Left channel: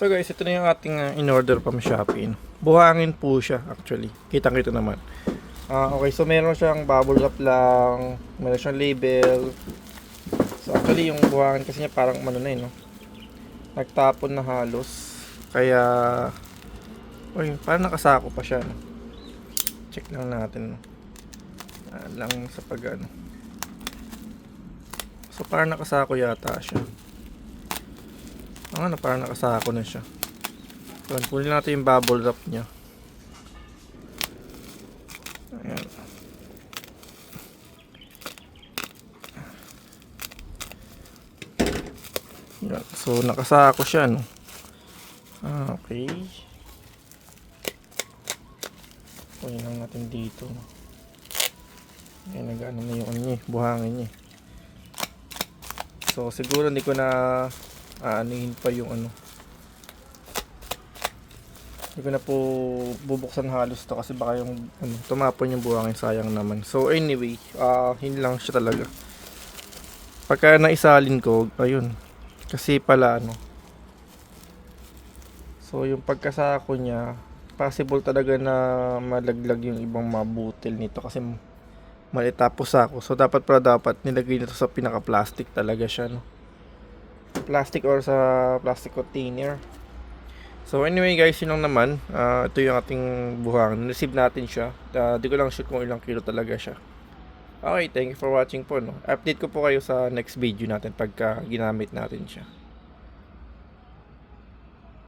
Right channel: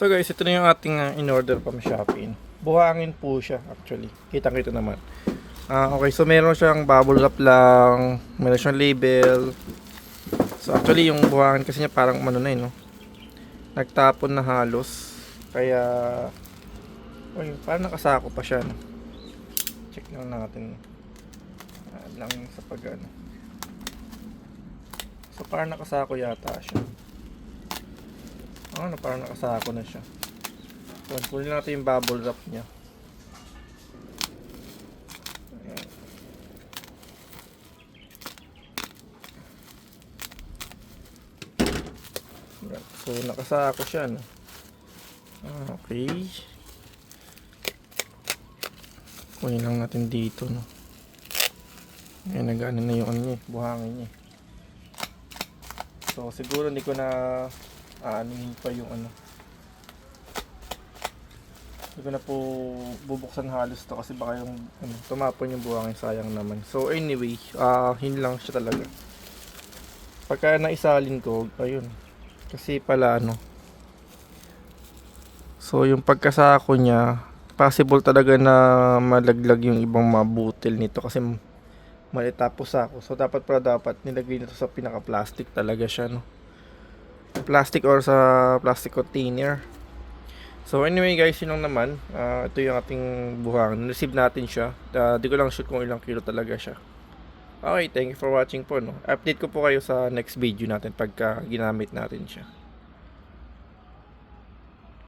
So guys, ito na yung ating in-order from Shopee. Buhangin po siya actually. Kitang-kita naman. Okay, so meron siyang bubble wrap lang, meron siyang label. So actually yung buhangin kasi niya parang ano na no. Nagtapon na halos. Kaya parang nakasako pa siya no. Check lang natin. Lang sa pag-ano. So parang nakasako yata siya. Parang nakasako na siya. So, kunin natin yung bubble wrap niya. Ayan. Ayan. So, nakasako siya, no? Okay. Kunin lang natin dito, no? Ayan, nag-ano na yung ano niya, buhangin niya. So, siguro hindi ko na aanihin pa yung ano. Hindi ko na po bubuksan halos to kasi baka yung tumapon yung buhangin, sayang naman. So anyway, yun lang siya talaga. Pagka naisalin ko, ayun. Kasi pala so yung pagkasako niya, possible talaga na malaglag yung ibang mabutil nito kasi malitapos ako. So dapat nilagay nito sa pinaka-plastic talaga siya, no. Plastic or sa plastic container. So anyway guys, yun lang naman. Ito yung ating buhangin. Receive natin siya. Di ko lang sure kung ilang kilo talaga siya. Okay, thank you for watching po, no. Update ko po kayo sa next video natin pagka ginamit natin siya.